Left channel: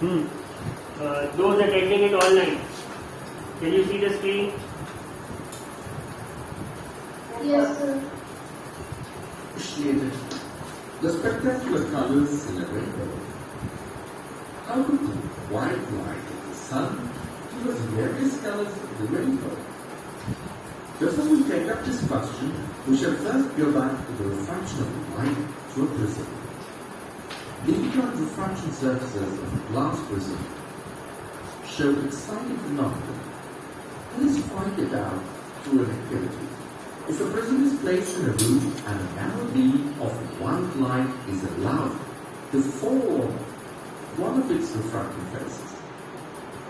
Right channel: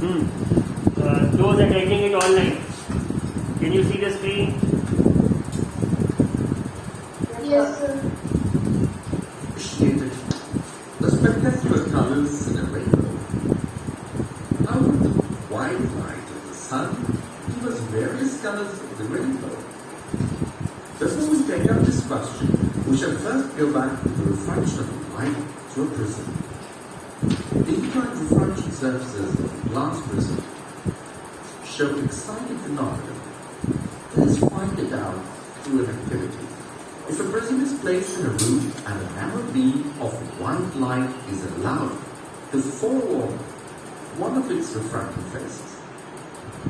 Those attending it online, can you see the screen? Yes, sir. Appreciated the spectacular colors in a rainbow. How would the white light of the sun give us various colors of the rainbow? Before we take up this question, we shall first go back to the refraction of light to a prism. Infrared refraction surfaces of glass prism show exciting phenomena. Let us find it out through an activity. If a prism is placed in a room and a narrow beam of white light is allowed to fall on one of its refracting faces,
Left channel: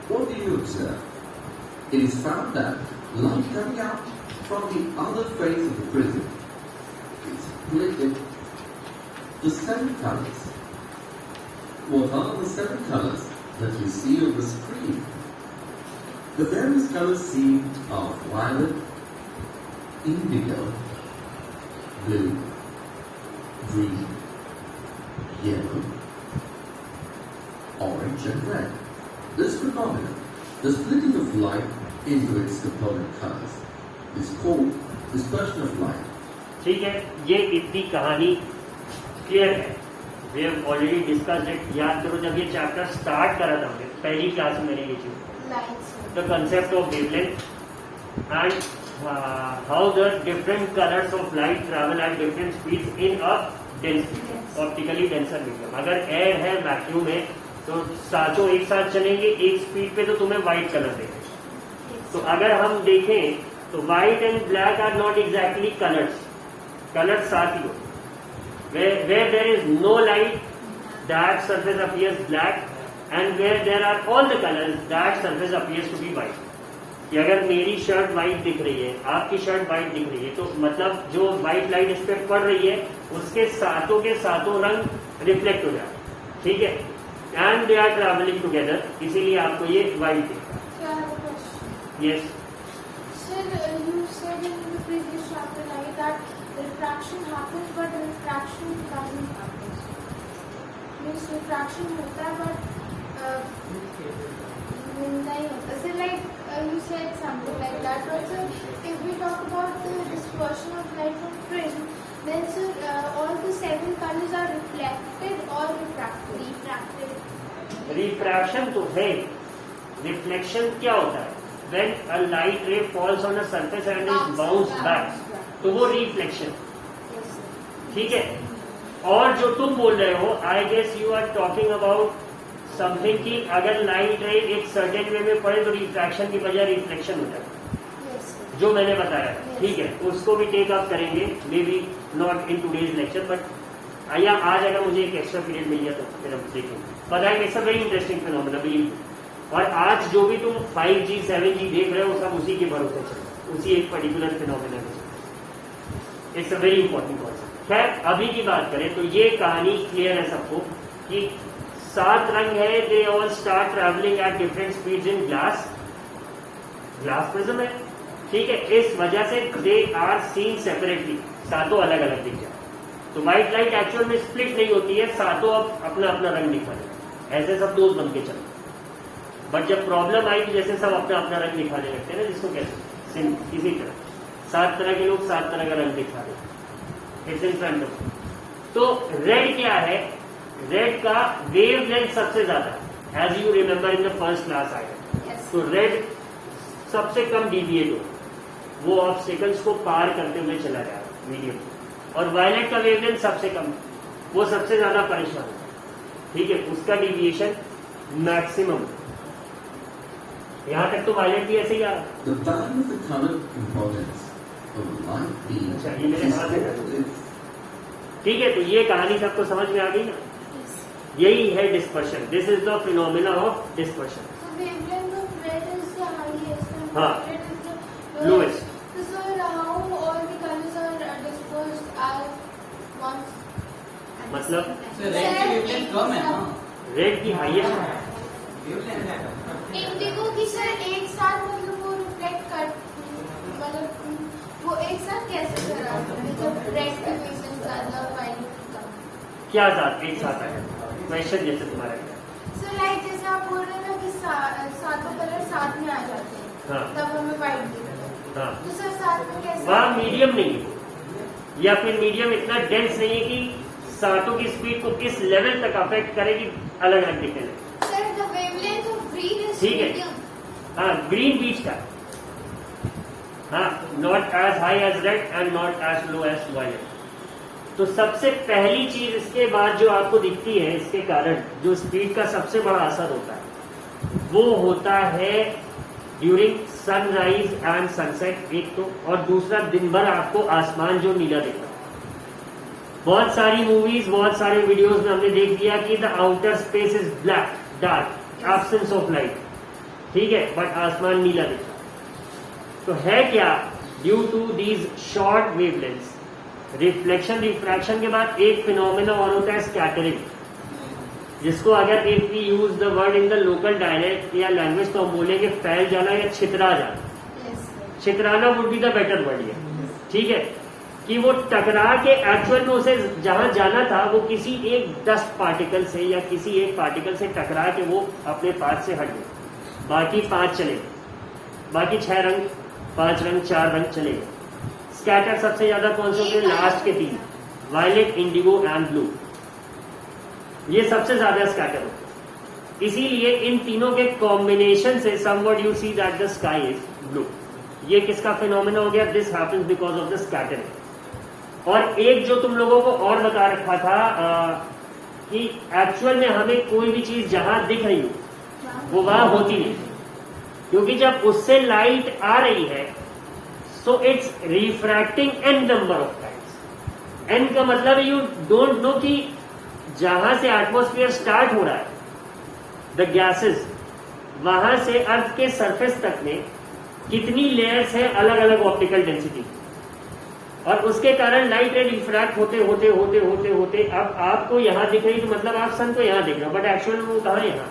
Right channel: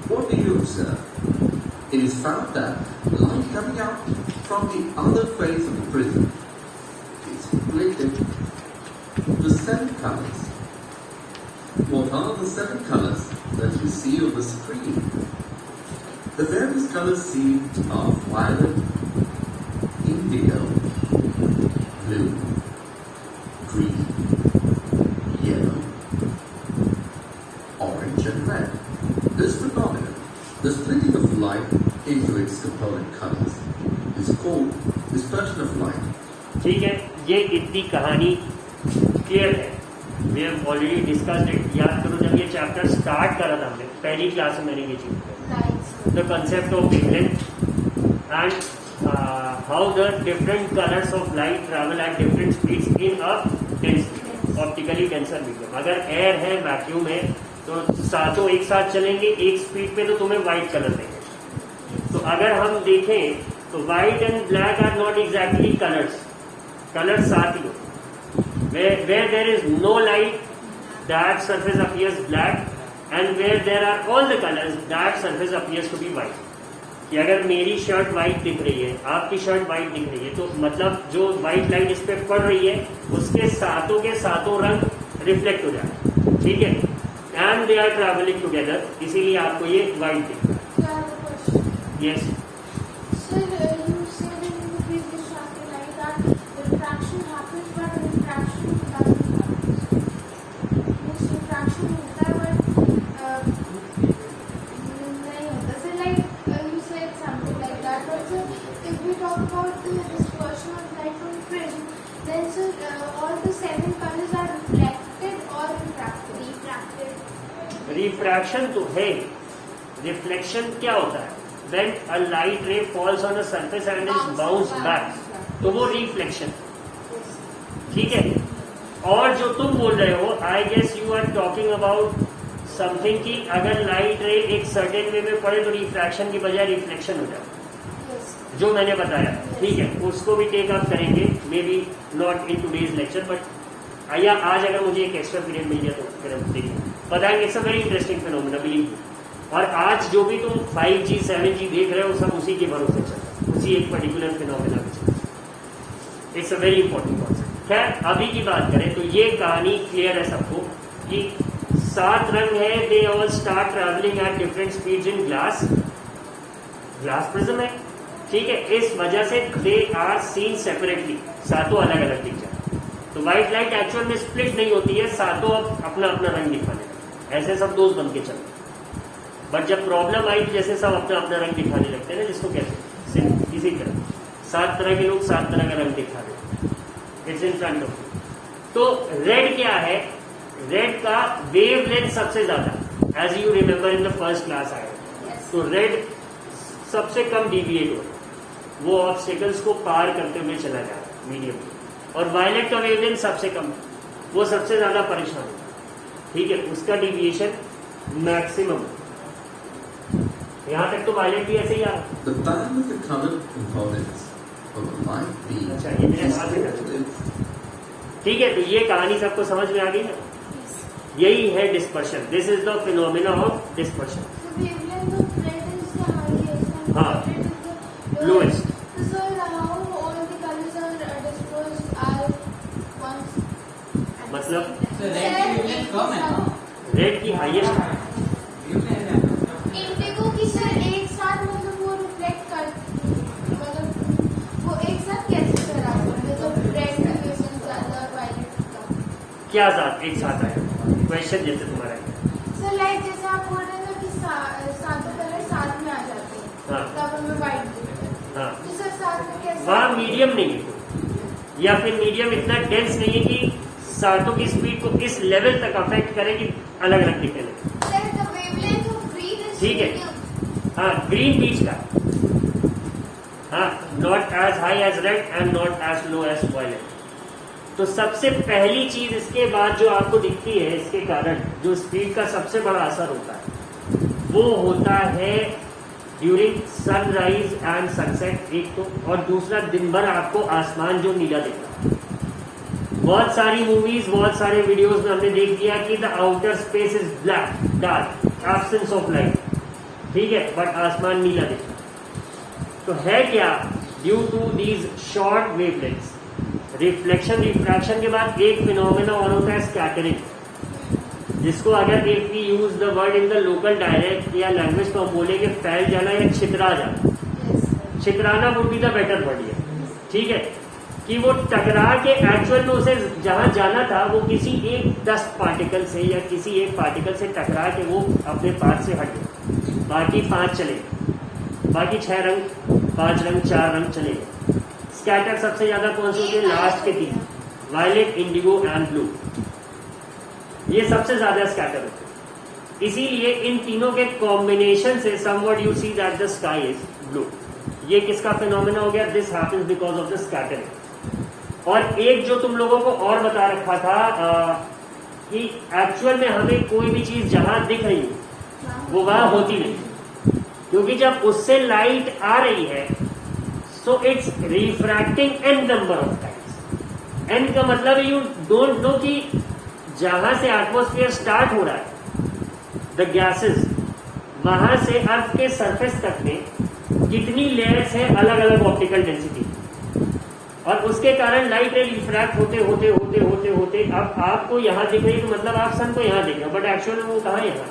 what do you observe? It is found that light coming out from the other face of the prism is split into the 7 colors. What are the 7 colors that you see on the screen? The various colors seen are violet, indigo, blue, green, yellow, orange and red. This phenomenon, the splitting of light into its component colors, is called dispersion of light. ठीक है, ये इतनी कहानी clear है. We have already discussed it. याद करो जब ये चैप्टर स्टार्ट करा था हमने पहली क्लास में मैंने ये चीज the concept of wavelength and how the different colors of light travel at different speeds in a dense medium, optically denser medium. अगर एयर है, वैक्यूम है, तो सातों एक साथ चलेंगे एक स्पीड पे, तो तुम्हें व्हाइट कलर देंगे. तो अगर हम देखें तो white and black are not exactly colours. Colours साथ ही होते. where there is no light, that surface appears black, and where there are all the colors, that surface appears to be white. कि अगर मेरी शर्ट व्हाइट दिख रही है, आपकी शर्ट व्हाइट दिख रही है, तो मतलब जो व्हाइट लाइट इस पे पड़ रही है उसके सातों के सातों रंग रिफ्लेक्ट हो जाए. ठीक है, and they are travelling together, इसीलिए आपको ये व्हाइट दिख रहा है. Yes, Sir, you said in the previous chapter like that refraction happens, but refraction doesn't happen. Means refraction होता है, but नहीं होता. So like you said something like that. Also, if we talk about the dispersion of light from prism, then sir, all the 7 colors are reflected or refracted. Refraction तो है. Reflection क्या होता है? When a light ray falls on a surface and is bounced back, तो वो reflection. ठीक है, और जो तुम बोल रहे हो, I guess you are talking about something कि अगर लाइट रे एक सर्टेन वे में पड़े तो रिफ्रैक्शन की बजाय रिफ्लेक्शन हो जाए, जो मैंने बताया. ठीक है, उसको भी टेक अप करेंगे, may be not in today's lecture, but आइए आज अगर मुझे एक एक्स्ट्रा पीरियड मिल गया तो फिर हम देखेंगे. बताएंगे, it's a very interesting phenomena, believe. और आज जो भी तुम 5G 7G देख रहे हो सब उसी के भरोसे चल रहा है, उसी एक पर्टिकुलर फिनोमेना के. It's a very important concept. खैर, अभी की बात करें तो ये कहानी क्लियर है सबको कि 7 रंग है. They all start travelling at different speeds in glass prism है. ठीक है, इस वजह से दे आर सीन सेपरेटली, सातों अलग अलग दिख जाए. तो व्हाइट लाइट एक्चुअल में स्प्लिट नहीं होती है, सातों अपना अपना रंग दिखाने. ऐसे सब दोस्त बन के चलते. बट जब प्रॉब्लम आई तो जैसे सब अपना अपना रंग दिखाने लगते हैं ना, जिसको कहते हैं इसी तरह 7 तरह के लोग 7 तरह का रंग दिखा रहे हैं. It's in front of. तो रेड क्या है? रेड का वेव लेंथ सबसे ज्यादा, as you remember in the first class आया. तो रेड सबसे कम डिविएट हो, वो ऑब्स्टिकल्स को पार करते हुए चला जाए मीडियम. और वायलेट का वेवलेंथ सबसे कम, वो सबसे ज्यादा परेशान होता है. ठीक है, उसका डिविएशन मैक्सिमम. यहाँ तक तो वायलेट भी ऐसे ही आ रहा है. The value of the colored components of light beam अच्छा, ये मेरे पास है. is ठीक है, तो ये कहानी सबको समझ में आ गई ना. यही है dispersion. This is the phenomena of dispersion. So wavelength of red is the highest and हाँ. red is the Lowest. So sir, how all the colors are dispersed at once? मतलब So red की wavelength कम है ना? Red की highest. Indigo की sir एक साथ मतलब वो रिफ्लेक्ट कर, मतलब वो एक साथ कैसे सर आ सकते हैं जब रेड की वेवलेंथ ज्यादा वायलेट का? क्या साथ एक साथ है? क्वेश्चन जैसे तुम्हारा क्या? सो लाइक जैसे मीडियम नहीं है, या फिर मीडियम इतना डेंस नहीं है कि साउंडों की स्पीड को इस लेवल तक अफेक्ट करे कि अलग अलग दिखे लगे। Sir, the wavelength of green is ठीक है। medium. हाँ, ग्रीन बीच का, हाँ, not as high as red and not as low as violet. तो सबसे पहली चीज इसके बाद जो आपको दिखती है, इसके कारण जो स्पीड का सबसे बड़ा असर होता है वो होता है ड्यूरिंग सनराइज एंड सनसेट, एक तो, और दूसरा दिन भर आपको आसमान जो नीला दिख रहा है। बहुत सारी मूवीज, बहुत सारे वीडियोस में हमने देख लिया कि the outer space is black, dark, absence of light, ठीक है, बट आसमान नीला दिख रहा है। तो है क्या? Due to these short wavelengths. Reflection refraction के बाद एक फिनोमेना और होता है स्कैटरिंग, जिसको अगर if we use the word in the local dialect या लैंग्वेज तो हम बोलेंगे फैल जाना या छितरा जाना। Yes. छितराना would be the better word है, ठीक है, कि वो टकरा के एक्चुअल में उसे जहां जाना था वो किसी एक डस्ट पार्टिकल से या किसी एक पार्टिकल से टकरा के वो अपने पाथ से हट गए, बाकी 5 चले गए, बाकी 6 रंग, 5 रंग, 4 रंग चले गए। स्कैटर सबसे ज्यादा कौन से होते हैं? लास्ट के 3, वायलेट, इंडिगो एंड ब्लू, ये सबसे ज्यादा स्कैटर होते हैं। इसीलिए इन तीनों के कॉम्बिनेशन से somewhat you see that the sky is blue. ये किसका फिनोमेना हो गया? This happens because of the scattering. और एक जो तुम लोगों को और बता रखा था कि एक्चुअल में हमें कोई भी चीज जहां दिख रही हो वो वहां होती नहीं, क्योंकि जब उससे लाइट आ रही है so it's refracting n number of times. N का मतलब यू डोंट नो कि जहां से एटमॉस्फेयर स्टार्ट हो रहा है, द गैसेस, वहां से अर्थ के सरफेस तक में कितनी लेयर्स है अलग अलग ऑप्टिकल डेंसिटी, और उसके कारण लाइट रे रिफ्रैक्ट होते होते होते होते होते अब आपको यहां दिख रही, तो मतलब आप सन को यहां देख रहे हो, बट एक्चुअल में वो कहां? यहां,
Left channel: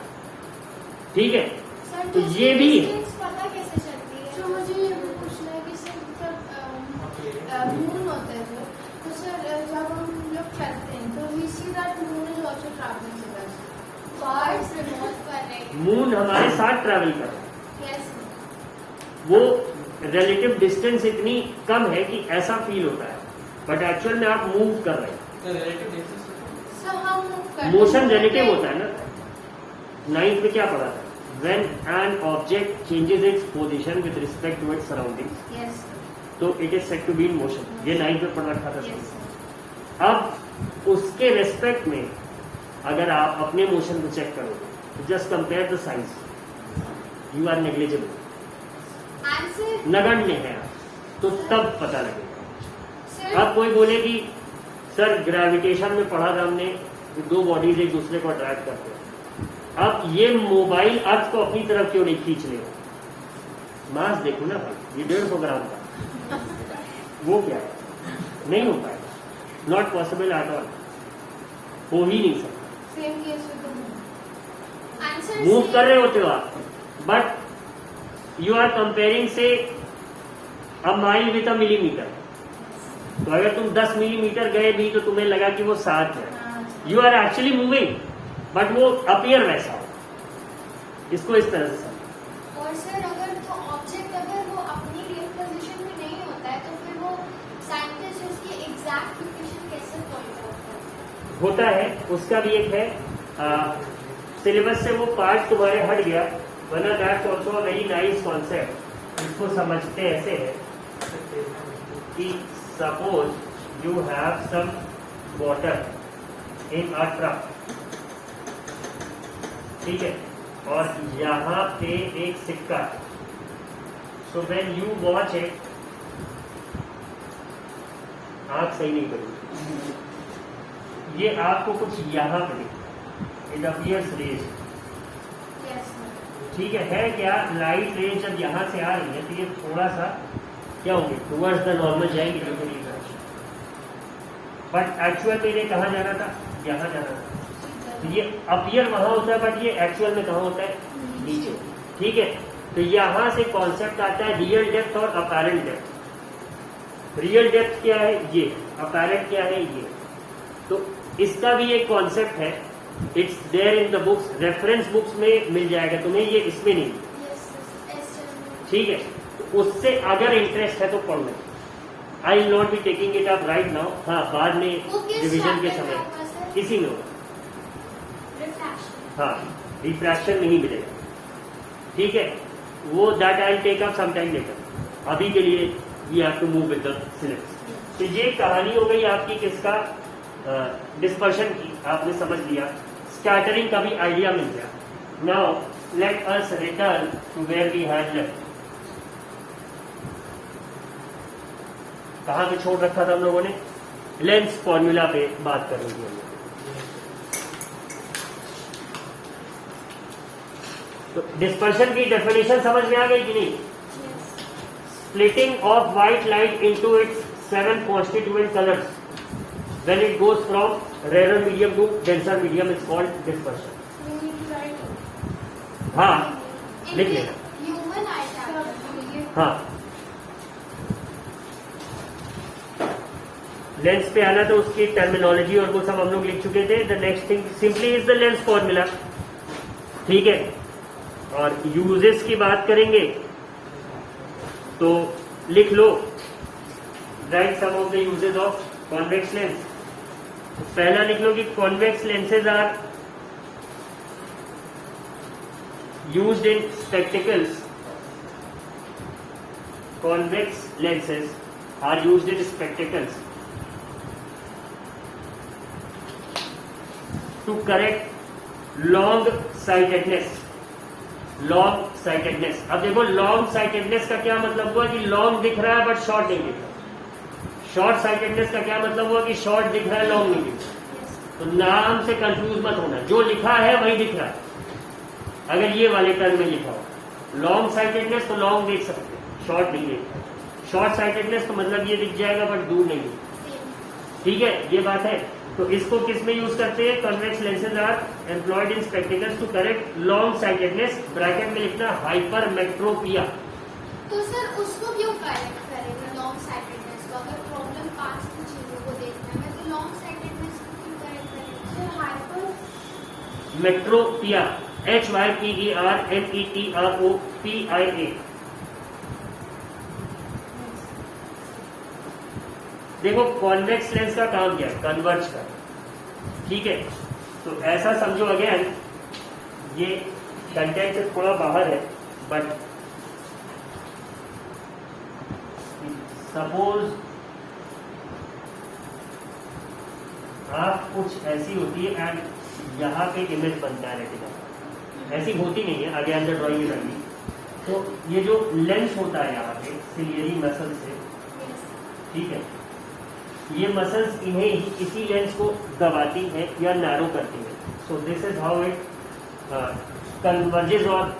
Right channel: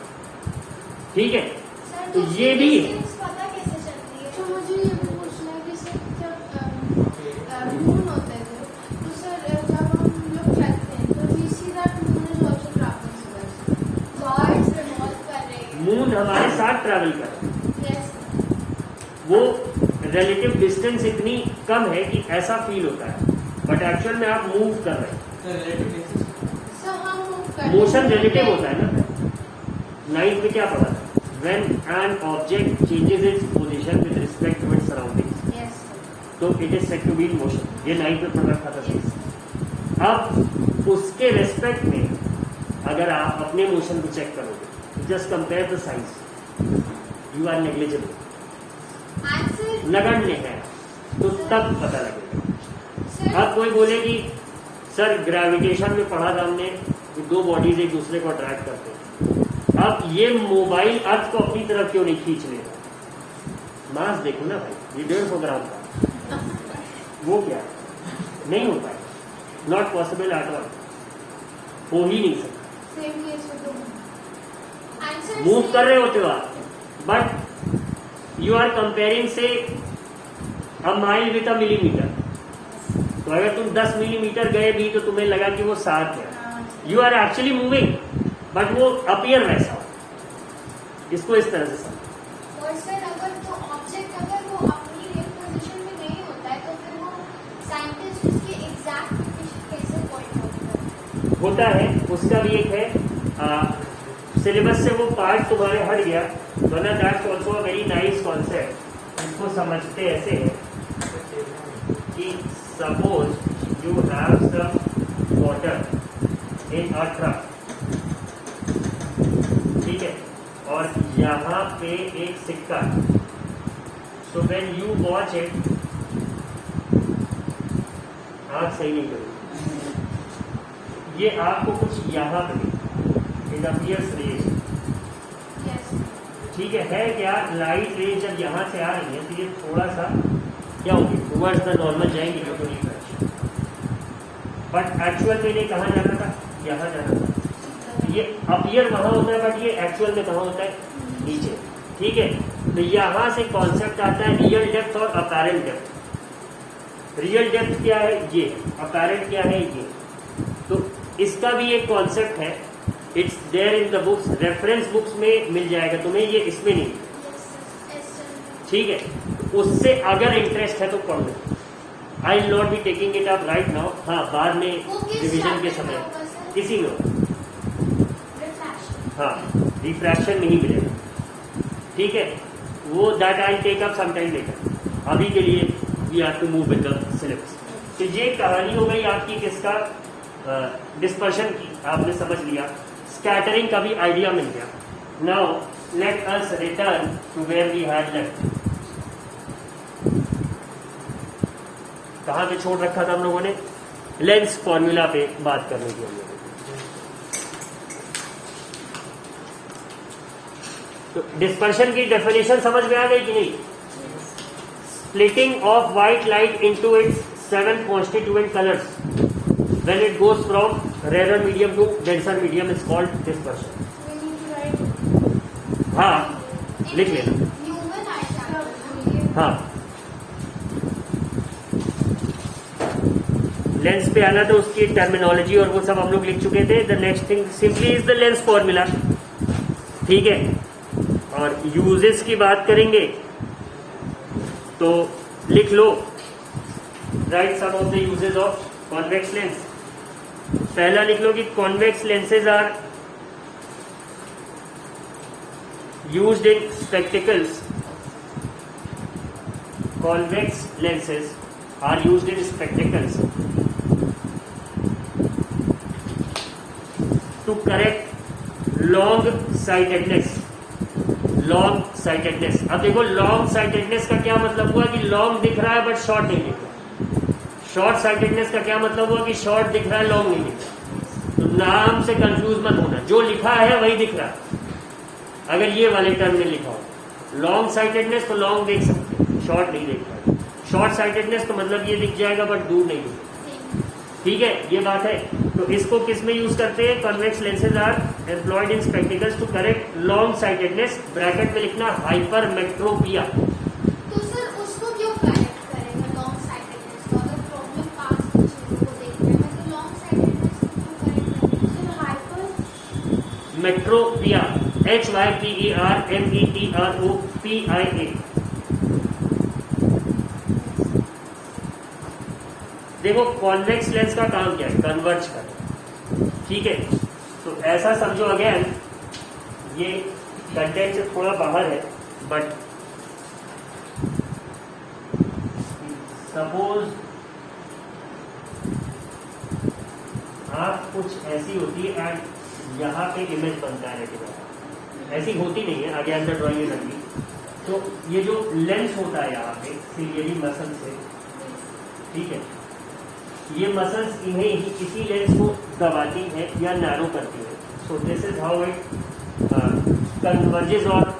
ठीक है। Sir, तो ये भी पता कैसे चलती है? तो मुझे ये भी पूछना है कि सर जब मून होता है तो सर जब हम लोग चलते हैं तो we see that moon is also travelling with us. गॉड से रिवॉल्व कर रहे हैं। मून हमारे साथ ट्रैवल कर रहा है, यस। वो रिलेटिव डिस्टेंस इतनी कम है कि ऐसा फील होता है, बट एक्चुअल में आप मूव कर रहे हैं। So relative basis. सो हम मूव कर मोशन रिलेटिव होता है ना। 9th में क्या पढ़ा था? When an object changes its position with respect to its surroundings, yes. तो it is said to be in motion. ये 9th में पढ़ रखा था चीज। अब उसके रेस्पेक्ट में अगर आप अपने मोशन को चेक करोगे, just compare the size, you are negligible, answer नगण्य है, तो तब पता लगेगा। सर अब कोई बोले कि सर ग्रेविटेशन में पढ़ा था हमने कि 2 बॉडीज एक दूसरे को अट्रैक्ट करते हैं, अब ये मोबाइल अर्थ को अपनी तरफ क्यों नहीं खींच लेगा? मास देखो ना भाई, ये 150 ग्राम का, वो क्या है? नहीं हो पाएगा, नॉट पॉसिबल एट ऑल, हो ही नहीं सकता। Same case with the moon. Answer move कर रहे होते हो आप, बट यू आर कंपेयरिंग से अ माइल विथ अ मिलीमीटर। तो अगर तुम 10 मिलीमीटर गए भी तो तुम्हें लगा कि वो 7 है, you are actually moving, but वो अपीयर वैसा हो। इसको इस तरह से समझो। और सर अगर तो ऑब्जेक्ट अगर वो अपनी रियल पोजीशन में नहीं होता है तो फिर वो साइंटिस्ट उसकी एग्जैक्ट लोकेशन कैसे पॉइंट आउट करते होता है, उसका भी एक है, सिलेबस से वो पार्ट तुम्हारे हट गया, वरना that's also a very nice concept. इसको समझते ऐसे है कि suppose you have some water in a truck, ठीक है, और यहाँ पे एक सिक्का है, so when you watch it, आंख सही नहीं करूँगी, ये आपको कुछ यहाँ पे इट अपीयर्स रेज, हैं? यस। ठीक है क्या? लाइट रेज जब यहाँ से आ रही है तो ये थोड़ा सा क्या होगी, टुवर्ड्स द नॉर्मल जाएगी, बट एक्चुअल में इन्हें कहाँ जाना था? यहाँ जाना था। तो ये अपीयर वहां होता है, बट ये एक्चुअल में कहाँ होता है? नीचे, ठीक है। तो यहाँ से कॉन्सेप्ट आता है रियल डेप्थ और अपैरेंट डेप्थ। रियल डेप्थ क्या है? ये। अपैरेंट क्या है? ये। तो इसका भी एक कॉन्सेप्ट है, it's there in the books, reference books में मिल जाएगा तुम्हें, ये इसमें नहीं, यस। ठीक है। तो उससे अगर इंटरेस्ट है तो पढ़ो, I will not be taking it up right now. हाँ, बाद में वो किस रिविजन के chapter समय में होगा सर? किसी में Refraction. हाँ, रिफ्रैक्शन नहीं मिलेगा। ठीक है, वो that I take up some time later. अभी के लिए we have to move with the syllabus. तो ये कहानी हो गई आपकी किसका, डिस्पर्शन की, आपने समझ लिया। स्कैटरिंग का भी आइडिया मिल गया। Now let us return to where we had left. कहाँ पे छोड़ रखा था हम लोगों ने? लेंस फॉर्मूला पे बात करने के लिए। तो डिस्पर्शन की डेफिनेशन समझ में आ गई कि नहीं? Splitting of white light into its 7 constituent colors when it goes from rarer medium to denser medium is called dispersion. We need to write. हाँ, लिख ले। Human eye chapter. हाँ, लेंस पे आना तो उसकी टर्मिनोलॉजी और वो सब हम लोग लिख चुके थे। The next thing simply is the lens formula. ठीक है, और यूजेस की बात करेंगे तो लिख लो, write some of the uses of convex lens. पहला लिख लो कि convex lenses are used in spectacles. कॉन्वेक्स लेंसेज are used in spectacles to correct long sightedness. Long sightedness. अब देखो लॉन्ग साइटेडनेस का क्या मतलब हुआ कि लॉन्ग दिख रहा है बट शॉर्ट नहीं दिख रहा। शॉर्ट साइटेडनेस का क्या मतलब हुआ कि शॉर्ट दिख रहा है लॉन्ग नहीं दिख रहा। तो नाम से कंफ्यूज मत होना, जो लिखा है वही दिख रहा है। अगर ये वाले टर्म में लिखा हो लॉन्ग साइटेडनेस तो लॉन्ग देख सकते हैं, शॉर्ट नहीं देख सकते। शॉर्ट साइटेडनेस तो मतलब ये दिख जाएगा बट दूर नहीं। ठीक है, ये बात है। तो इसको किस में यूज करते हैं? Convex lenses are employed in spectacles to correct long sightedness. Bracket में लिखना हाइपरमेट्रोपिया। तो सर उसको क्यों करेक्ट करेगा लॉन्ग साइटेडनेस का? अगर प्रॉब्लम पास की चीजों को देखना है तो लॉन्ग साइटेडनेस को क्यों करेक्ट करेगा? तो हाइपर मेट्रोपिया, HYPERMETROPIA। देखो कॉन्वेक्स लेंस का काम क्या है? कन्वर्ज कर। ठीक है, तो ऐसा समझो अगेन, ये कंटेंट से थोड़ा बाहर है बट सपोज आप कुछ ऐसी होती है एंड यहाँ पे इमेज बनता है रेटिना। ऐसी होती नहीं है, आगे अंदर ड्राइंग में लगी। तो ये जो लेंस होता है यहाँ पे सिलियरी मसल से, ठीक है, ये मसल्स इन्हें इसी लेंस को दबाती है या नैरो करती है। So this is how it converges और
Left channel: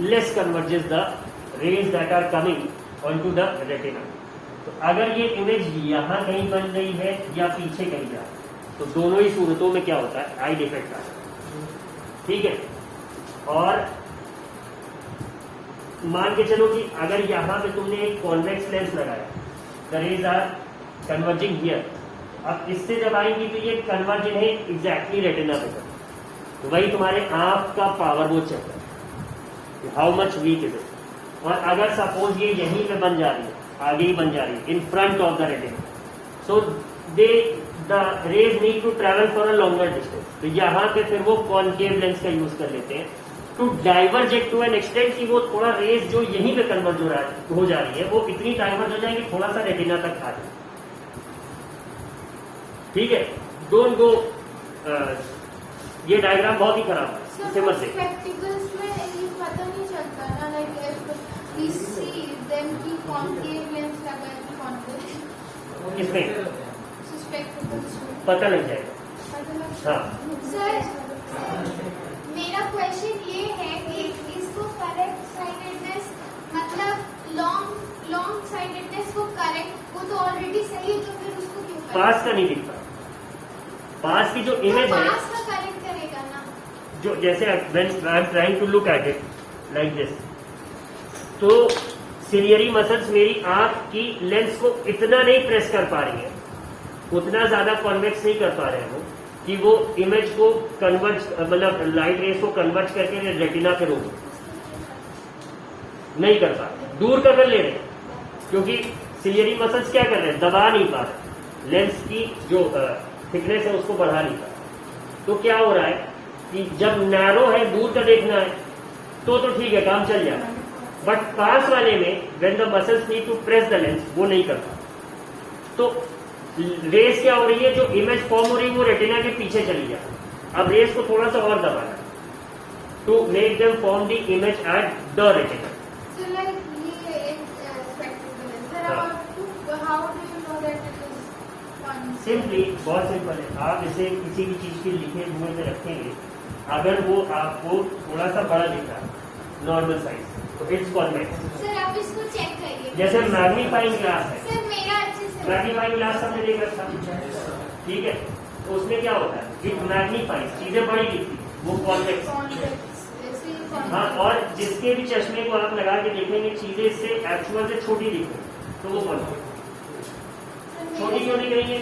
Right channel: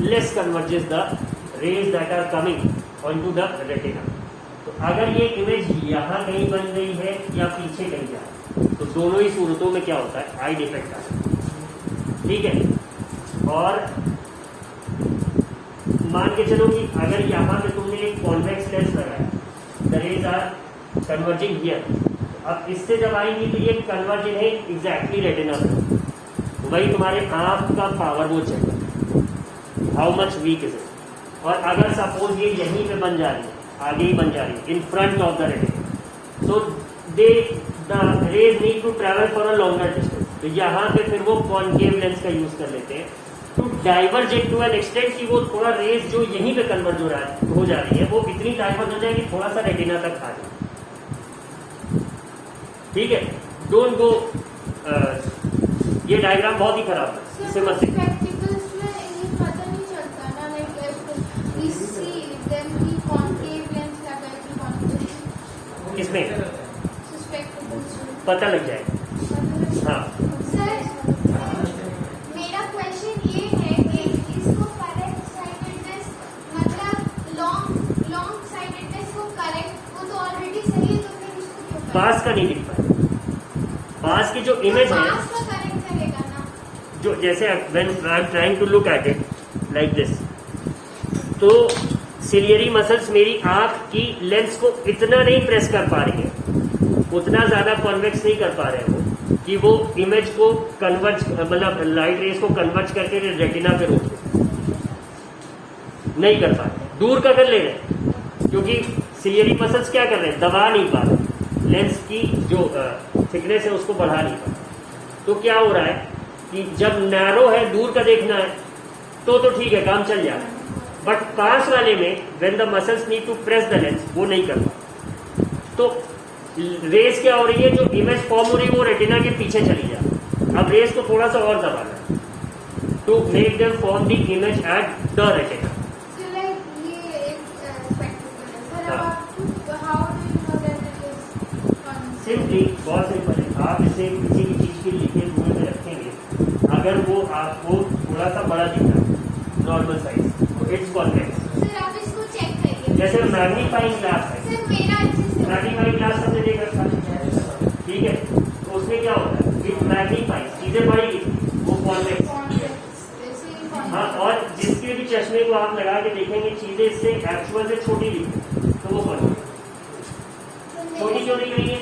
less converges the rays that are coming onto the retina. तो अगर ये इमेज यहाँ कहीं बन रही है या पीछे कहीं जा रही है तो दोनों ही सूरतों में क्या होता है? आई डिफेक्ट आता है। ठीक है, और मान के चलो कि अगर यहाँ पे तुमने एक कॉन्वेक्स लेंस लगाया, the rays are converging here. अब इससे जब आएंगी तो ये कन्वर्ज है एग्जैक्टली रेटिना पे, तो वही तुम्हारे आंख का पावर वो चल रहा है, how much weak is it. और अगर सपोज ये यहीं पे बन जा रही है, आगे ही बन जा रही है, in front of the retina, तो the rays need to travel for a longer distance. तो यहाँ पे फिर वो कॉनकेव लेंस का यूज कर लेते हैं to diverge it to an extent कि वो थोड़ा रेज जो यहीं पे कन्वर्ज हो जा रही है वो इतनी डाइवर्ज हो जाएगी थोड़ा सा रेटिना तक आ जाए। ठीक है, डोंट गो, ये डायग्राम बहुत ही खराब है, इसे मत सीखो। प्रैक्टिकल्स में ये पता नहीं चलता ना, लाइक वी सी देम की कॉनकेव लेंस लगा है, कॉनकेव इसमें सस्पेक्टेबल्स पता लग जाएगा। हाँ, सर मेरा क्वेश्चन ये है कि इसको करेक्ट साइटेडनेस मतलब लॉन्ग साइटेडनेस को करेक्ट, वो तो ऑलरेडी सही है, तो फिर उसको क्यों पास का नहीं दिखता। पास की जो इमेज है, पास का करेक्ट करेगा ना। जो जैसे when I am trying to look at it like this, तो सिलियरी मसल्स मेरी आंख की लेंस को इतना नहीं प्रेस कर पा रही है, उतना ज्यादा कन्वेक्स नहीं कर पा रहे हैं कि वो इमेज को कन्वर्ज, मतलब लाइट रेस को कन्वर्ज करके रेटिना पे रोक नहीं कर पा रहे, दूर कर ले रहे हैं। क्योंकि सिलियरी मसल्स क्या कर रहे हैं, दबा नहीं पा रहे, लेंस की जो थिकनेस है उसको बढ़ा नहीं पा रहे। तो क्या हो रहा है कि जब नैरो है, दूर का देखना है तो ठीक है, काम चल जाता है, बट पास वाले में when the muscles need to press the lens, वो नहीं करता। तो रेस क्या हो रही है, जो इमेज फॉर्म हो रही है वो रेटिना के पीछे चली जाती है। अब रेस को थोड़ा सा और दबाना to make them form the image at the retina. So like ये एक spectacle है. Sir, how do you know that it is fun? Simply बहुत सिंपल है, आप इसे किसी भी चीज के लिखे हुए में रखेंगे, अगर वो आपको थोड़ा सा बड़ा दिख रहा है नॉर्मल साइज, तो इट्स कॉन्वेक्स। Sir, आप इसको चेक करिए. जैसे मैग्नीफाइंग ग्लास है, Sir, मेरा अच्छे से. मैग्नीफाइंग ग्लास हमने देखा था, ठीक है, तो उसमें क्या होता है, इट मैग्नीफाइंग, चीजें बड़ी वो कॉन्वेक्स। हाँ, और जिसके भी चश्मे को आप लगा के देखेंगे चीजें इससे एक्चुअल से छोटी दिखती, तो वो कॉन्वेक्स। छोटी क्यों नहीं गई है?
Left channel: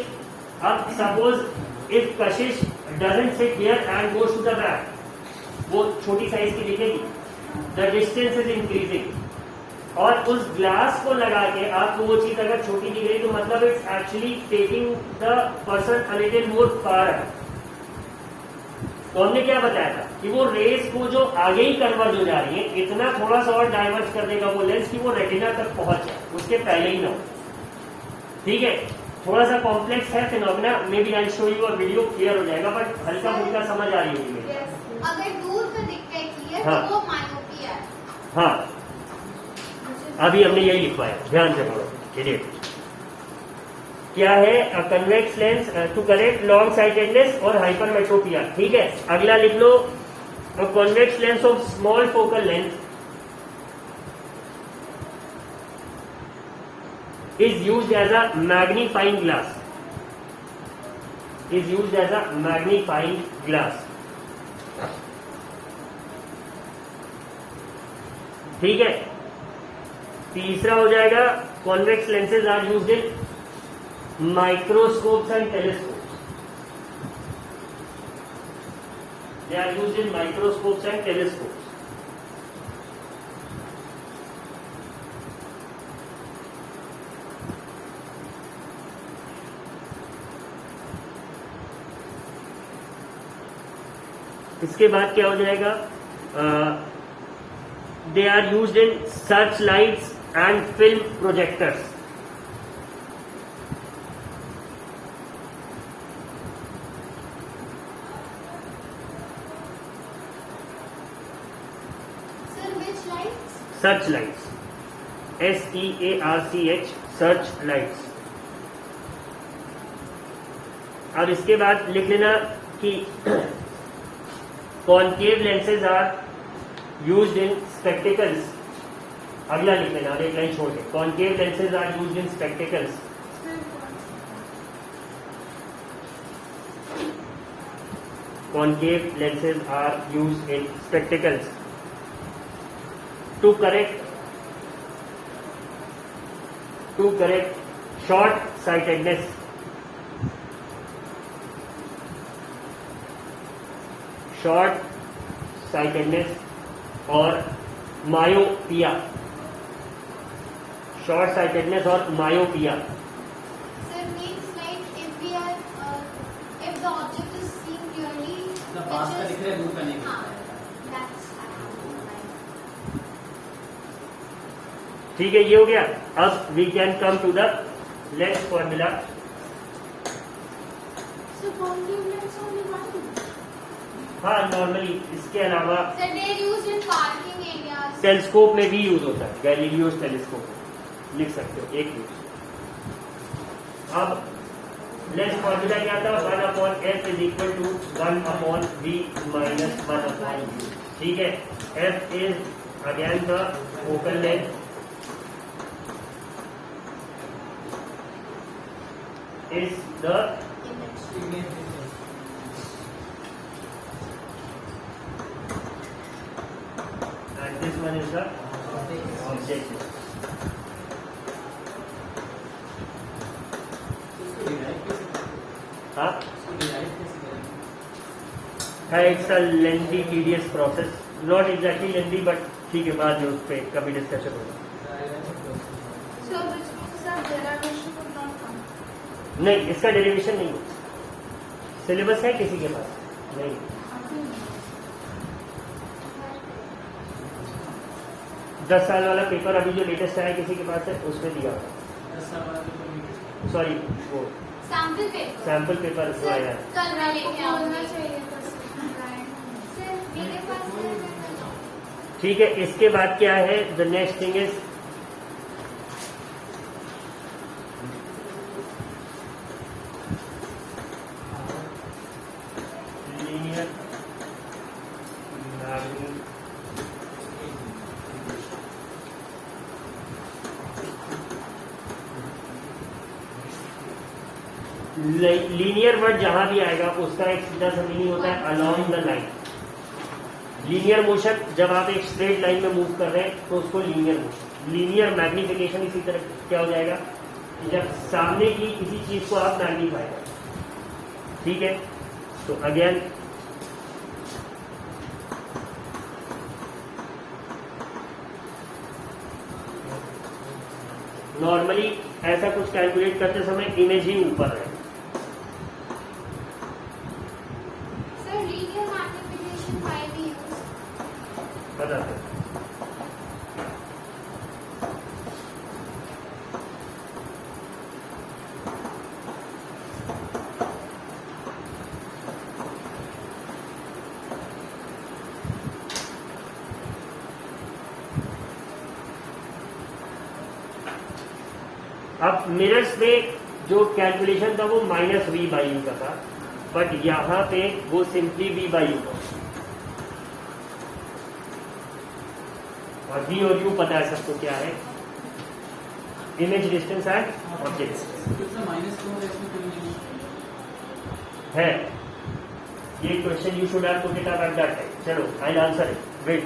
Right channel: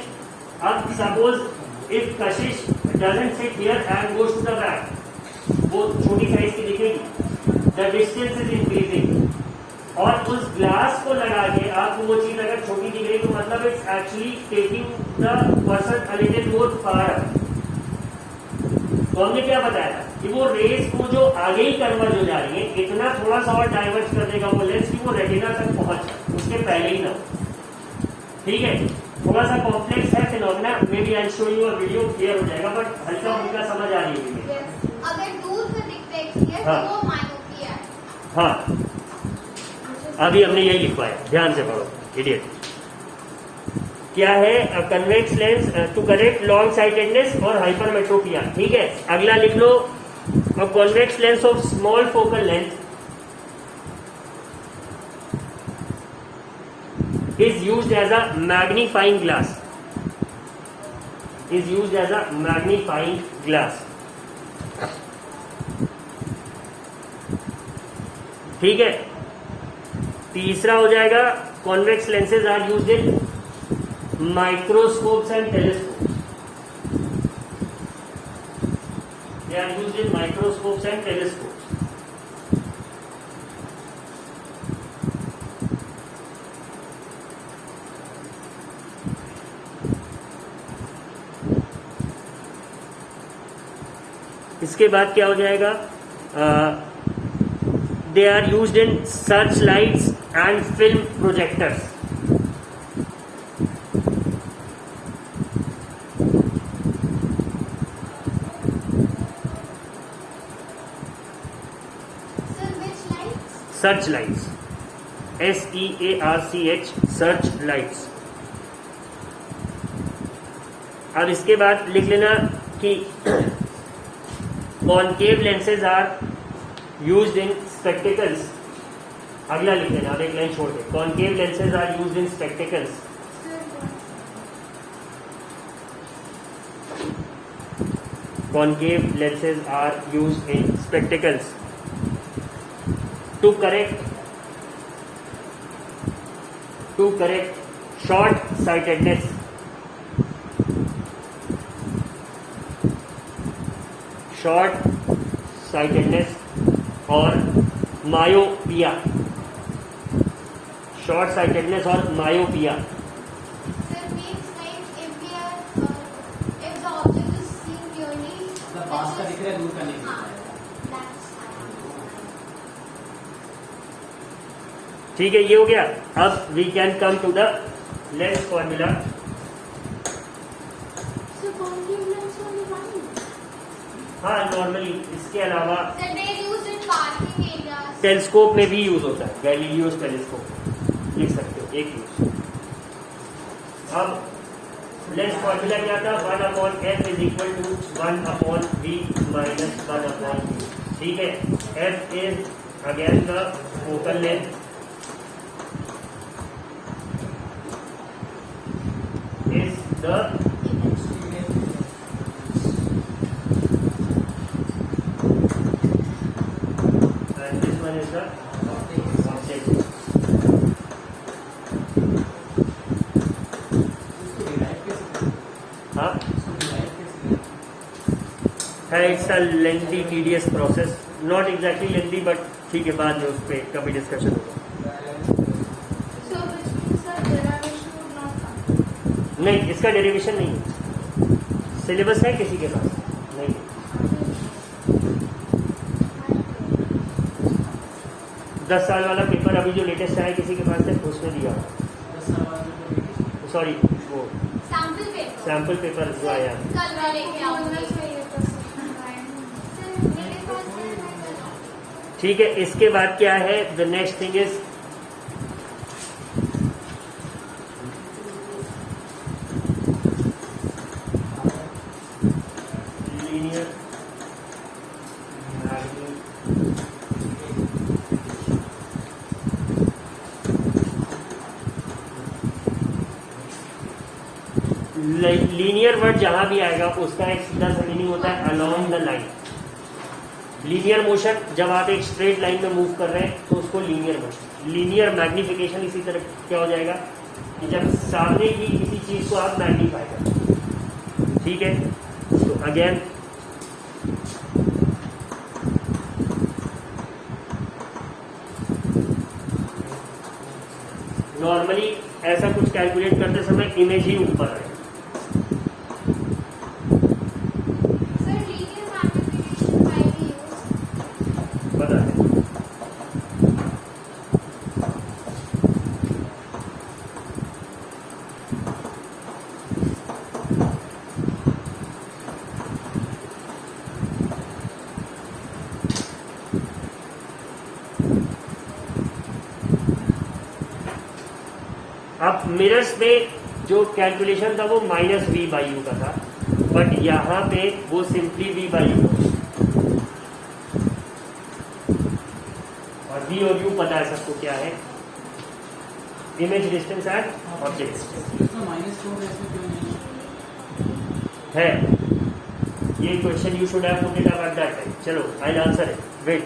अब suppose if Kashish doesn't sit here and goes to the back, वो छोटी साइज की दिखेगी, द डिस्टेंस इज इंक्रीजिंग, और उस ग्लास को लगा के आपको वो चीज अगर छोटी दिख रही तो मतलब it's actually taking the person a little more far up. तो हमने क्या बताया था कि वो रेस को जो आगे ही कन्वर्ज हो जा रही है, इतना थोड़ा सा और डाइवर्ट कर देगा वो लेंस की वो रेटिना तक पहुंच जाए, उसके पहले ही ना हो। ठीक है, थोड़ा सा कॉम्प्लेक्स है phenomena, maybe I show you a video, clear हो जाएगा, बट हल्का फुल्का समझ आ रही होगी। Yes. अगर दूर से दिखते है clear, हाँ. तो वो मायोपिया है. हाँ, अभी हमने यही लिखवाया, ध्यान से पढ़ो इडियट। क्या है, convex lens to correct long sightedness और हाइपरमेट्रोपिया। ठीक है, अगला लिख लो, a convex lens of small focal length is used as a magnifying glass, is used as a magnifying glass। ठीक है, तीसरा हो जाएगा, convex lenses are used in microscopes and telescopes, they are used in microscopes and telescopes. इसके बाद क्या हो जाएगा, they are used in search lights and film projectors. Sir, which lights? Search lights, SEARCH, search lights. अब इसके बाद लिख लेना कि concave lenses are used in spectacles. अगला लिख लेना, एक लाइन छोड़ के, concave lenses are used in spectacles. Concave lenses are used in spectacles to correct short sightedness, और मायोपिया, शॉर्ट साइटेडनेस और myopia. Sir, means like if we are, if the object is seen clearly. मतलब पास का दिख रहा है, दूर का नहीं दिख हाँ, रहा है। that's. ठीक है, ये हो गया। अब we can come to the lens formula. So concave lens only one. हाँ, नॉर्मली इसके अलावा Sir, they are used in parking areas. Telescope में भी यूज होता है, गैलीलियो टेलीस्कोप लिख सकते हो, एक यूज। अब लेंस फॉर्मूला क्या था, 1/f is equal to 1/v minus 1/v। ठीक है, f is again the focal length, is the and this one is the object। उसको डिवाइड कैसे, हाँ, उसको डिवाइड कैसे है, it's a lengthy tedious process, not exactly lengthy, but ठीक है, बाद में उस पर कभी डिस्कशन होगा। So which means that नहीं, इसका डेरिवेशन नहीं है। सिलेबस है किसी के पास? नहीं। 10 साल वाला पेपर अभी जो लेटेस्ट आया किसी के पास है, उसमें दिया हुआ। 10 साल बाद जो सॉरी, वो सैम्पल पेपर सैम्पल पेपर जो आया। कल मैं लेके आऊंगी। सर मेरे पास है। ठीक है, इसके बाद क्या है? The next thing is linear linear word जहां भी आएगा उसका एक सीधा सा मीनिंग होता है along the line. Linear motion, जब आप एक स्ट्रेट लाइन में मूव कर रहे हैं तो उसको लीनियर मोशन। लीनियर मैग्निफिकेशन इसी तरह क्या हो जाएगा, जब सामने की किसी चीज को आप मैग्नीफाई करें। ठीक है, तो अगेन नॉर्मली ऐसा कुछ कैलकुलेट करते समय इमेज ही ऊपर है। Sir linear magnification by the use बता दें। अब मिरर्स में जो कैलकुलेशन था वो -v/u का था, बट यहाँ पे वो सिंपली v/u है। और v और u पता है सबको क्या है, इमेज डिस्टेंस एट ऑब्जेक्ट इसमें -2 इसमें क्यों नहीं है। ये question you should have put it up at that time. चलो I will answer it, wait.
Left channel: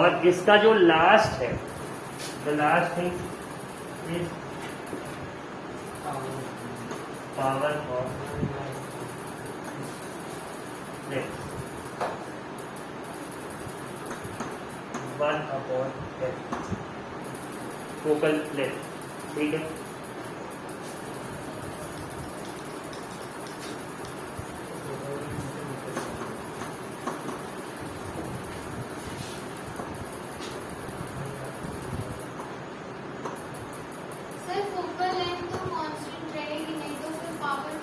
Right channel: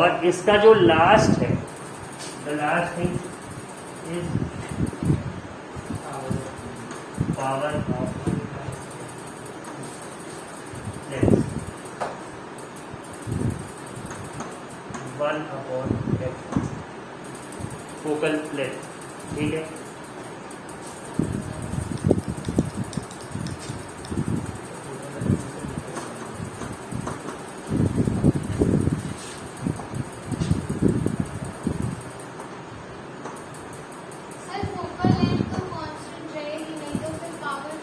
और इसका जो लास्ट है, the last thing is power of lens 1/f focal length. ठीक है, सर फोकल लेंथ तो कांस्टेंट रहेगी, नहीं तो फिर पावर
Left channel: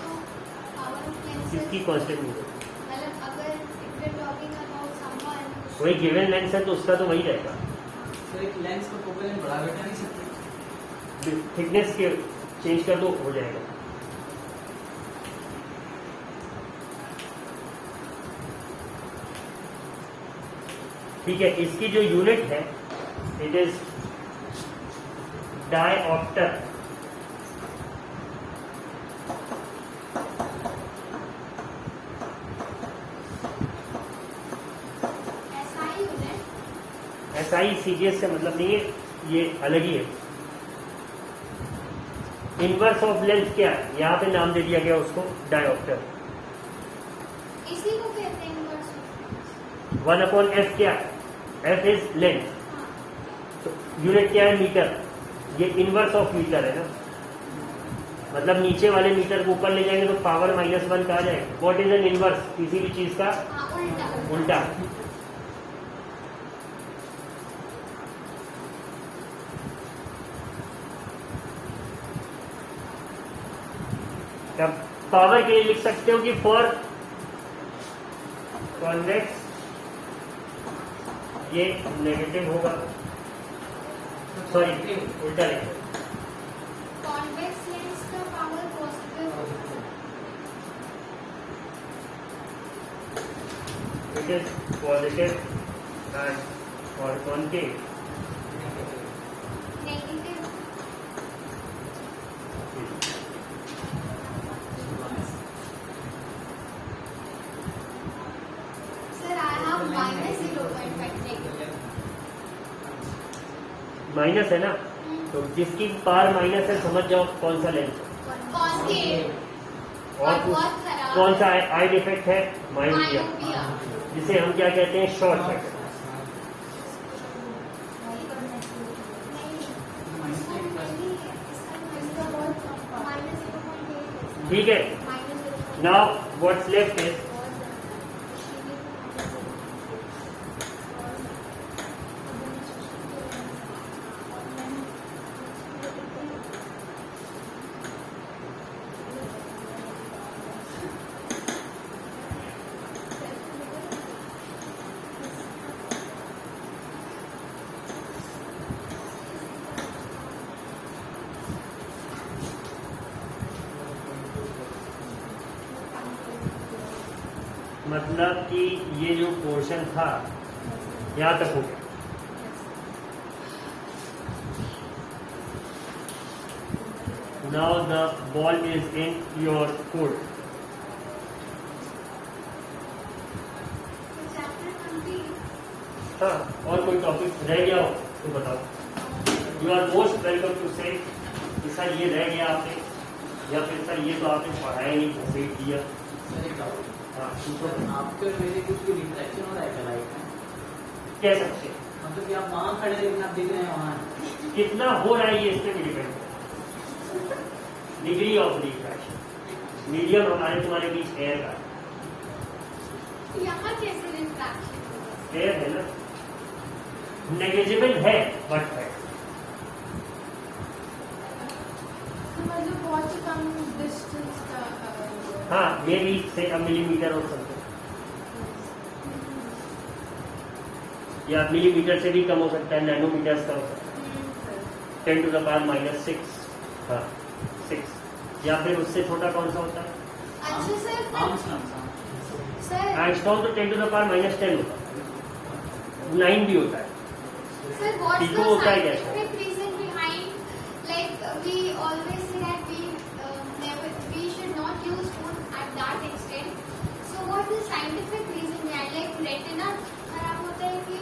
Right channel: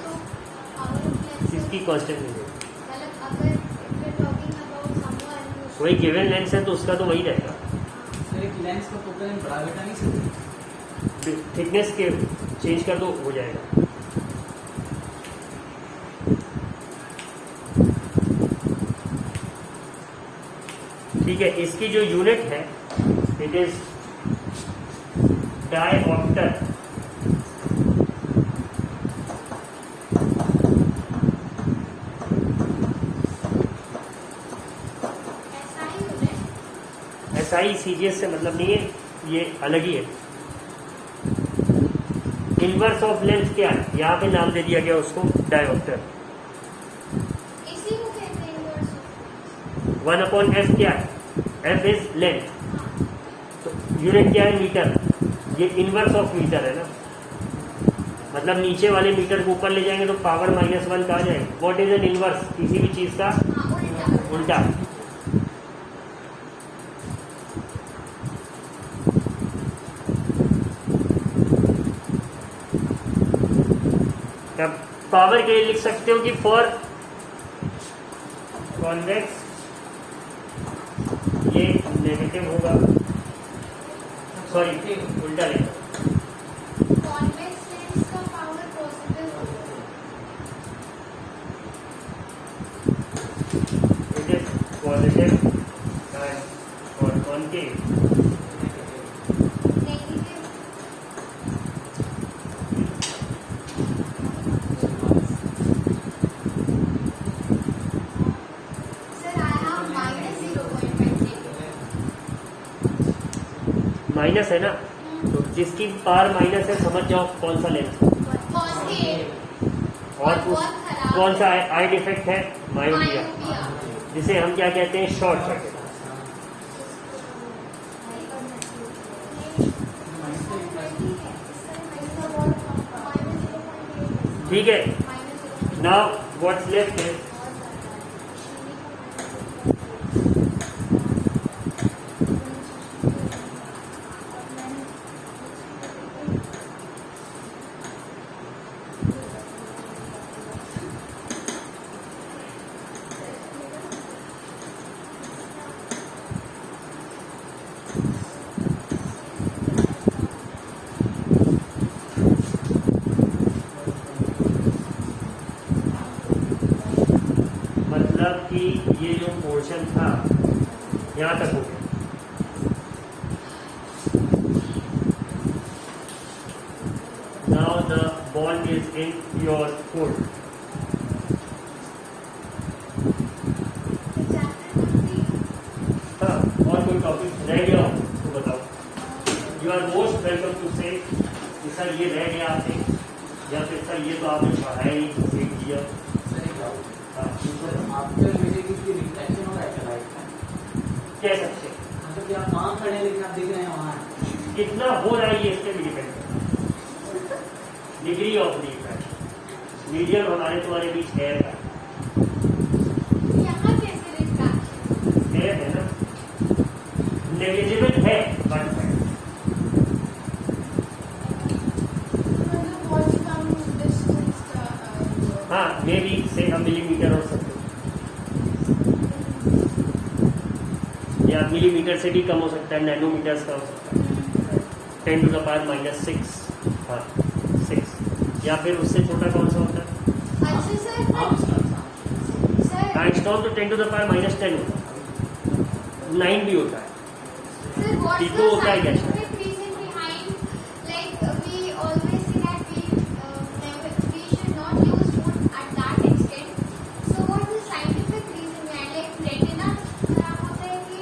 ऑफ लेंस इसकी कांस्टेंट नहीं है। मतलब अगर if we're talking about someone who वही गिवन लेंस है तो उसका तो वही रहेगा। तो एक लेंस का फोकल लेंथ बढ़ा घटा नहीं सकते? थिकनेस के चेंज कर दो, हो जाएगा। ठीक है, इसकी जो यूनिट है इट इज डायऑप्टर। SI CGS से मतलब नहीं है, ये अलग ही है। इनवर्स ऑफ लेंथ क्या है, यहाँ पे नाम दे दिया गया उसको डायऑप्टर। इसी को कहते हैं इनवर्स। 1/f क्या है, f इज लेंथ, तो यूनिट क्या है, मीटर। ये इनवर्स ऑफ मीटर है ना, मतलब नीचे वाले मीटर को ऊपर ले जाएंगे तो पावर -1 का आ जाएगा। व्हाट इज एन इनवर्स, किसी भी चीज का उल्टा। अब पावर के लिए लिख सकते हो कि फॉर कॉन्वेक्स ये नेगेटिव होगा, सॉरी उल्टा लिखो। कॉन्वेक्स लेंस का पावर पॉजिटिव होगा। One thing, Negative. Sir, I have minus 0.5. Minus है ना, तो जिसकी पार माइनस है समझ जाओ कौन सा लेंस। Positive. और कौन सा आई डिफेक्ट है, मायोपिया, जिसे हम क्या कहते हैं, शॉर्ट सर्किट। ठीक है, नाउ व्हाट्स लेफ्ट है, मतलब कि ये जो पोर्शन था यहाँ तक हो गया। Now the ball is in your court. हाँ, और कोई टॉपिक रह गया हो तो बताओ। You are most welcome to say sir ये रह गया आपने, या फिर सर ये तो आपने पढ़ाया ही, देख दिया। हाँ, आपके और मेरे बीच भी रिफ्लेक्शन हो रहा है लाइट का। कह सकते हैं। मतलब कि आप वहाँ खड़े हैं लेकिन आप दिख रहे हैं वहाँ। कितना हो रहा है ये इस पे भी डिपेंड करता है। डिग्री ऑफ रिफ्रैक्शन, मीडियम हमारे तुम्हारे बीच एयर का एयर है ना, नेग्लिजिबल है बट है। हाँ, मेरी से हम मिलीमीटर हो सकते हैं, या मिलीमीटर से भी कम हो सकता है, नैनोमीटर्स का हो सकता है, 10 to the power -6, हाँ 6, या फिर उससे छोटा कौन सा होता है, आइंस्टाइन तो 10 to the power -10 होता है, 9 भी होता है। Sir, what's People the will try that. scientific reason behind, like we always say that we should not use food at that extent. So what is the scientific reason behind, like retina खराब होता है कि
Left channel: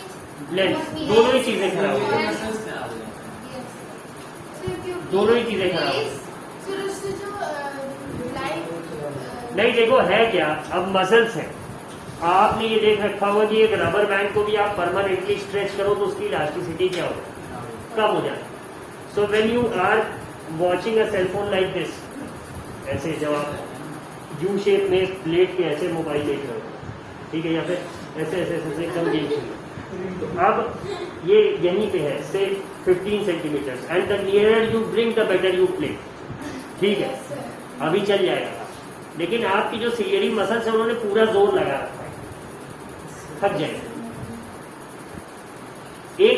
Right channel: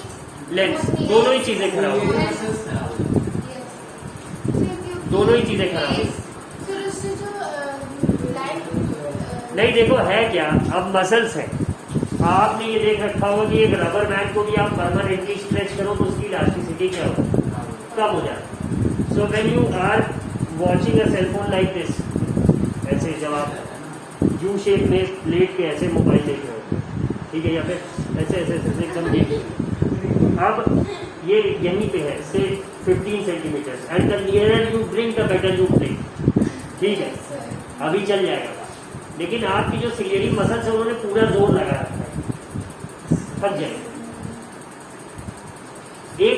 lens, दोनों ही चीजें खराब होती हैं, दोनों ही चीजें खराब होती हैं। फिर उससे जो लाइट नहीं, देखो है क्या, अब मसल्स है, आपने ये देख रखा होगा कि एक रबर बैंड को भी आप परमानेंटली स्ट्रेच करो तो उसकी इलास्टिसिटी क्या होगी, कम हो जाए। So when you are watching a cell phone like this, ऐसे जब आप यू शेप में प्लेट के ऐसे मोबाइल लेके हो, ठीक है, या फिर ऐसे ऐसे ऐसे एकदम बीच, अब ये यहीं पे है से 15 centimetre, and the nearer you bring the better you play, ठीक है, अभी चल जाएगा। लेकिन आपकी जो सिलियरी मसल्स है उन्होंने पूरा जोर लगा रखा है, थक जाएगा। एक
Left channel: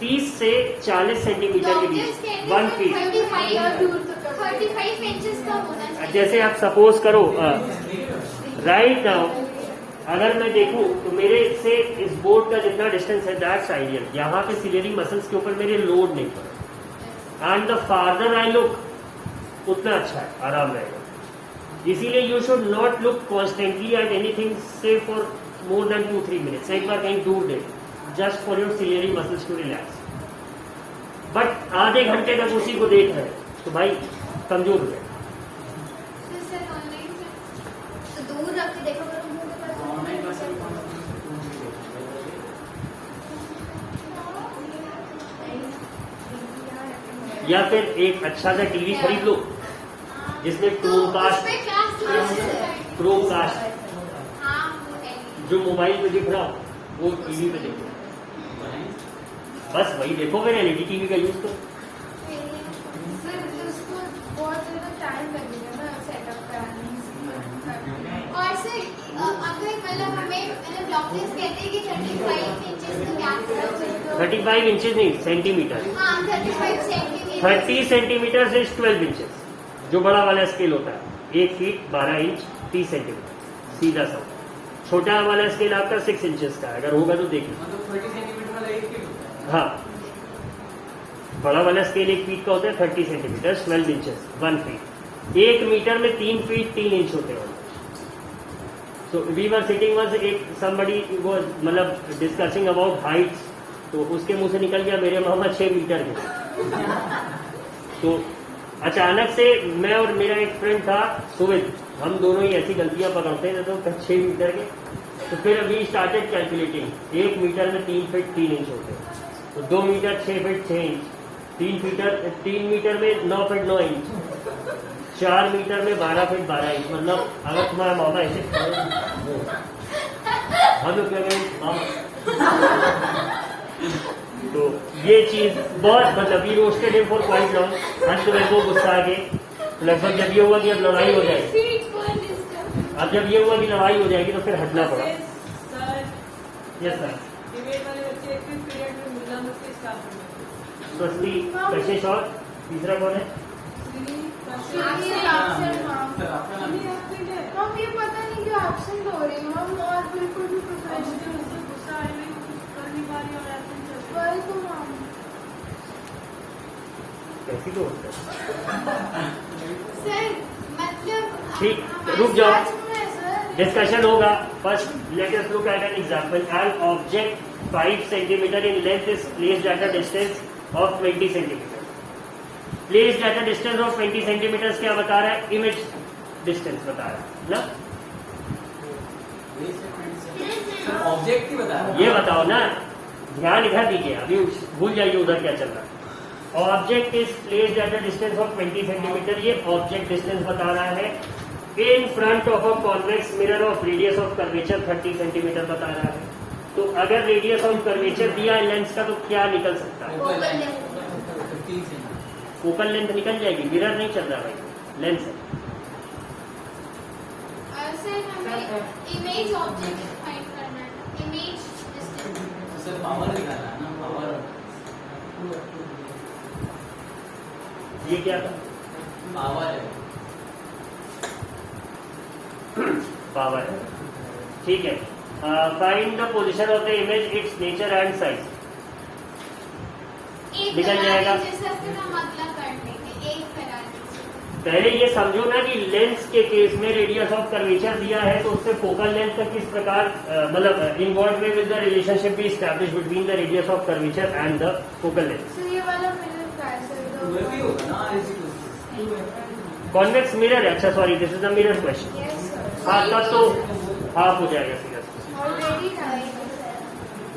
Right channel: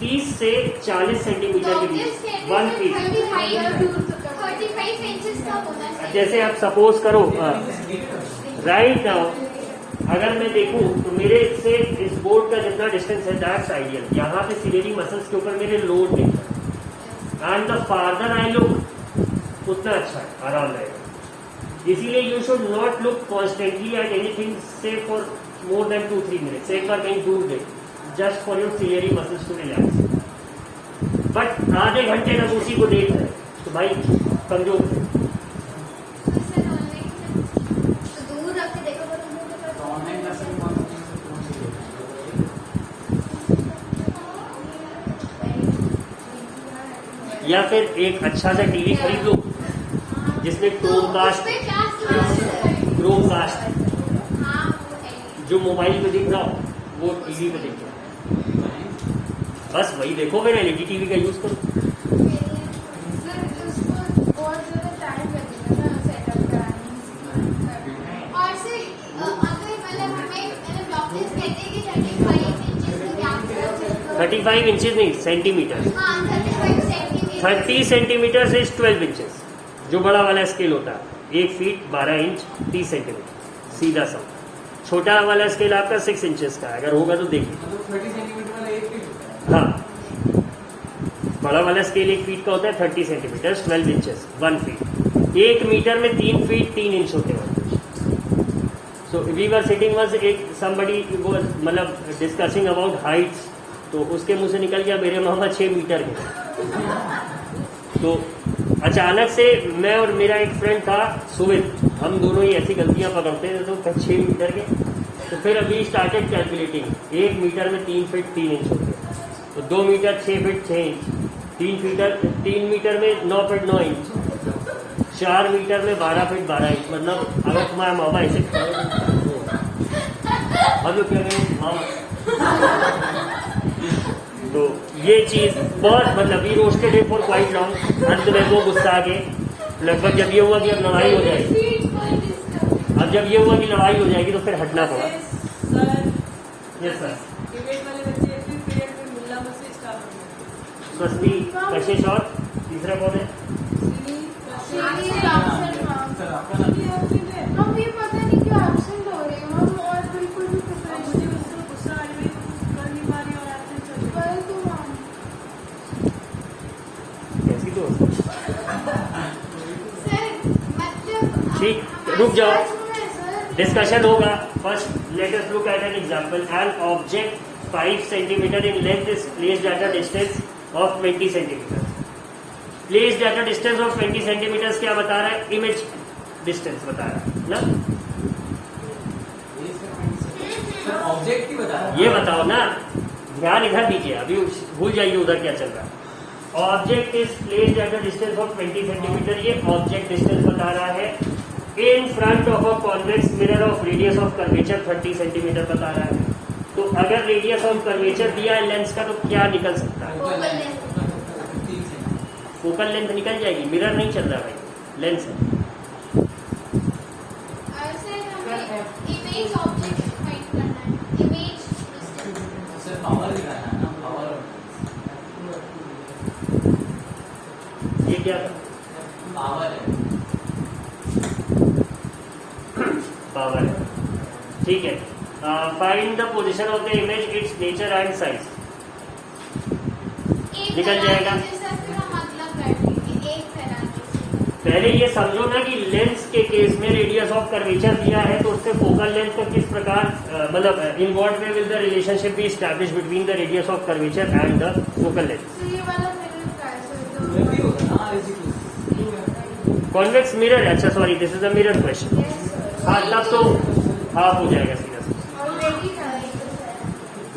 30 से 40 सेंटीमीटर के बीच, 1 फीट, 35 इंचेस का होना चाहिए। जैसे आप सपोज करो राइट नाउ, अगर मैं देखूं तो मेरे से इस बोर्ड का जितना डिस्टेंस है दैट्स आइडियल, यहाँ पे सिलियरी मसल्स के ऊपर मेरे लोड नहीं है, and the farther I look उतना अच्छा है, आराम रहेगा। इसीलिए you should not look constantly at anything से फॉर मोर देन 2-3 मिनट्स, एक बार कहीं दूर दे, just for your ciliary muscles to relax. But आधे घंटे तक उसी को देख रहे हैं तो भाई कमजोर थे। तो दूर रख के देखो, गवर्नमेंट मसल कौन या फिर एक अच्छा सा टीवी खरीद लो जिसमें क्रोमकास्ट, क्रोमकास्ट जो मोबाइल पे दिख रहा हो वो टीवी पे दिख रहा है, बस वही देखो, मेरे एलईडी टीवी का यूज करो। और से अगर मतलब हमें डॉक्टर्स कहते हैं कि 35 इंचेस का गैप 35 इंचेस नहीं, सेंटीमीटर। हाँ 35 सेंटीमीटर 30 सेंटीमीटर से 12 इंचेस जो बड़ा वाला स्केल होता है, 1 फीट 12 इंच 30 सेंटीमीटर, सीधा सा। छोटा वाला स्केल आपका 6 इंचेस का है, अगर होगा तो देखिए। मतलब 30 सेंटीमीटर वाला 1 फीट होता है। हाँ, बड़ा वाला स्केल 1 फीट का होता है, 30 सेंटीमीटर 12 इंचेस 1 फीट। 1 मीटर में 3 फीट 3 इंच होते हैं। So we were sitting was एक somebody was मतलब डिस्कसिंग अबाउट हाइट्स, तो उसके मुंह से निकल गया मेरे मामा 6 मीटर के। तो अचानक से मैं और मेरा एक फ्रेंड था सुमित, हम दोनों ही ऐसी गलतियां पकड़ते हैं तो 6 मीटर के। तो फिर अभी स्टार्टेड कैलकुलेटिंग, 1 मीटर में 3 फीट 3 इंच होते हैं, तो 2 मीटर 6 फीट 6 इंच, 3 मीटर में 9 फीट 9 इंच, 4 मीटर में 12 फीट 12 इंच। मतलब अगर तुम्हारा मामा ऐसे हम लोग कह रहे हैं तो ये चीज बहुत मतलब we roasted it for quite long. अंत में वो गुस्सा आ गए, लगभग जब ये हुआ कि अब लड़ाई हो जाएगी, अब जब ये हुआ कि लड़ाई हो जाएगी तो फिर हटना पड़ा। Yes sir. स्वस्ति कशिश और तीसरा कौन है? सर आपका नाम? हम ये पता नहीं क्यों एब्सेंट हो रहे हैं और बिल्कुल भी प्रोफेशनल कैसी तो सर मतलब ठीक, रुक जाओ, सर डिस्कशन होगा। First let us look at an example. An object 5 centimetre in length is placed at a distance of 20 centimetre. Placed at a distance of 20 centimetre क्या बता रहा है? इमेज डिस्टेंस बता रहा है ना। सर ऑब्जेक्ट ही बता रहा ये बताओ ना, ध्यान इधर दीजिए, अभी भूल जाइए उधर क्या चल रहा है। Object is placed at a distance of 20 centimetre, ये ऑब्जेक्ट डिस्टेंस बता रहा है। In front of a convex mirror of radius of curvature 30 centimetre बता रहा है। तो अगर रेडियस ऑफ कर्वेचर दिया है लेंस का तो क्या निकल सकता है? फोकल लेंथ निकल जाएगी, मिरर नहीं चल रहा भाई, लेंस है। इमेज ऑब्जेक्ट फाइंड करना है, इमेज सर पावर निकालना है ना, पावर। ये क्या था? पावर है। पावर है, ठीक है। Find the position of the image, it's nature and size. निकल जाएगा। पहले ये समझो ना कि लेंस के केस में रेडियस ऑफ कर्वेचर दिया है तो उससे फोकल लेंथ का किस प्रकार मतलब in what way will the relationship B establish between the radius of curvature and the focal length. ये वाला मिरर का है सर। वही होगा ना, ऐसी कॉन्वेक्स मिरर, अच्छा sorry this is a mirror question. Yes sir. मतलब तो हाफ हो जाएगा सीधा। ऑलरेडी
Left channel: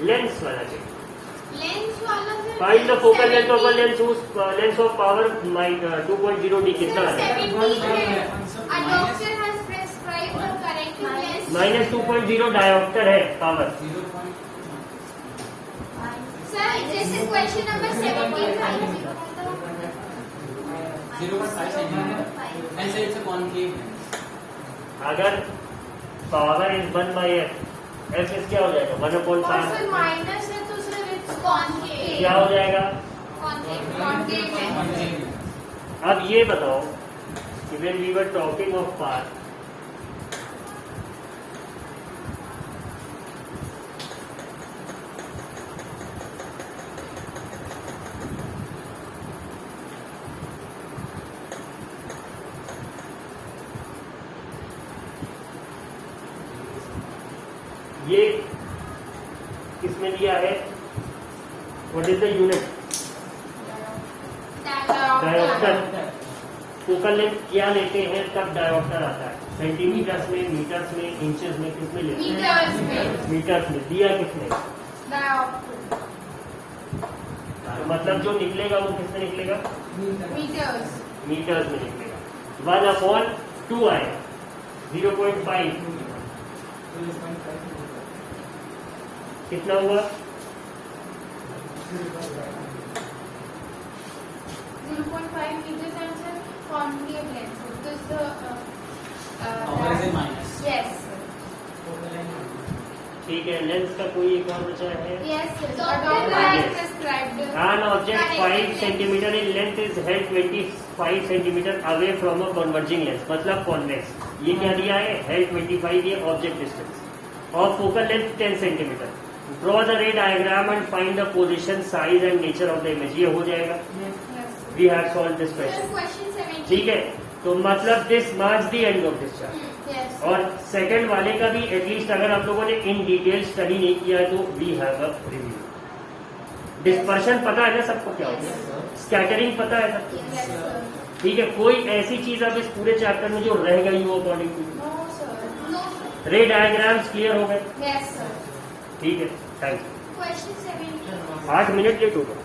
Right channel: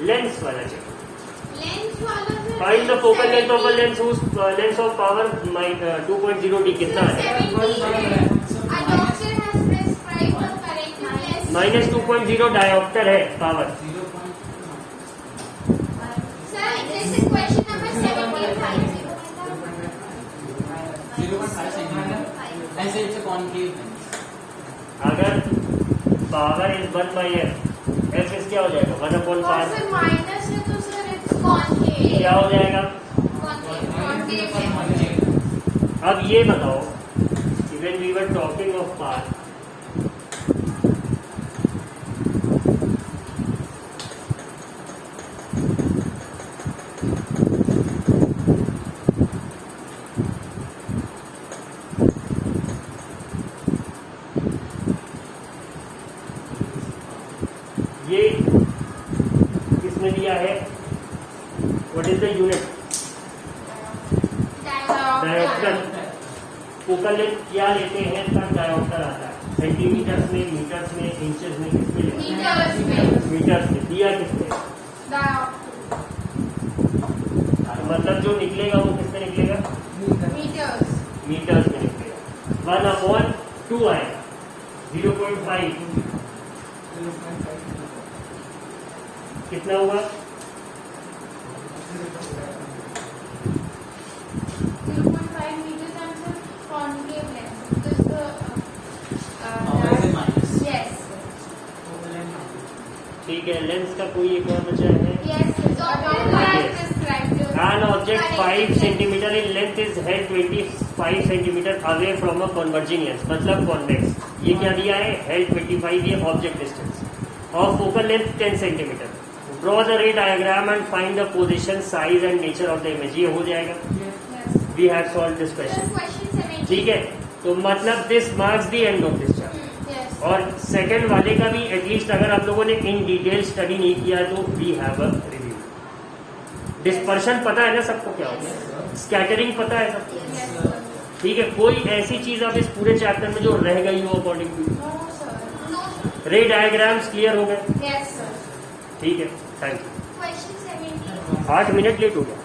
लेंस वाला चाहिए। लेंस वाला sir. Find the focal length of a lens whose lens of power 2.0D कितना है? -2.0 डायोप्टर है पावर। ऐसे इट्स कॉन्केव। अगर power is 1/f, f is क्या हो जाएगा? 1/5 माइनस है तो सर इट्स कॉन्केव। क्या हो जाएगा? कॉन्केव है। अब ये बताओ, when we were talking of power, ये किसमें दिया है? What is the unit? Dioptre. Focal length क्या लेते हैं तब डायोप्टर आता है? सेंटीमीटर्स में, मीटर्स में, इंचेस में, किसमें लेते हैं? मीटर्स में। दिया किसने? मतलब जो निकलेगा वो किससे निकलेगा? मीटर्स में निकलेगा। 1/2 आएगा, 0.5 कितना हुआ? 2.5 meters and sir concave lens because the Power is minus. yes ठीक है, लेंस का कोई एक और बचा है? yes doctor has prescribed An object 5 centimeter in length is held 25 centimeter away from a converging lens, मतलब convex। ये क्या दिया है? held 25, ये ऑब्जेक्ट डिस्टेंस। और focal length 10 centimetre. Draw the ray diagram and find the position, size and nature of the image. ये हो जाएगा. Yes. We have solve this question. Question 17. ठीक है, तो मतलब this marks the end of this chapter. Yes. और second वाले का भी एटलीस्ट अगर आप लोगों ने इन डिटेल स्टडी नहीं किया तो we have a review. Dispersion पता है ना सबको क्या होता है, स्कैटरिंग पता है सबको. Yes, sir. ठीक है, कोई ऐसी चीज अब इस पूरे चैप्टर में जो रह गई हो according to No, sir. No. Ray diagrams clear हो गए. Yes, sir. ठीक है, thank you. Question 17. 8 minute late हो गए.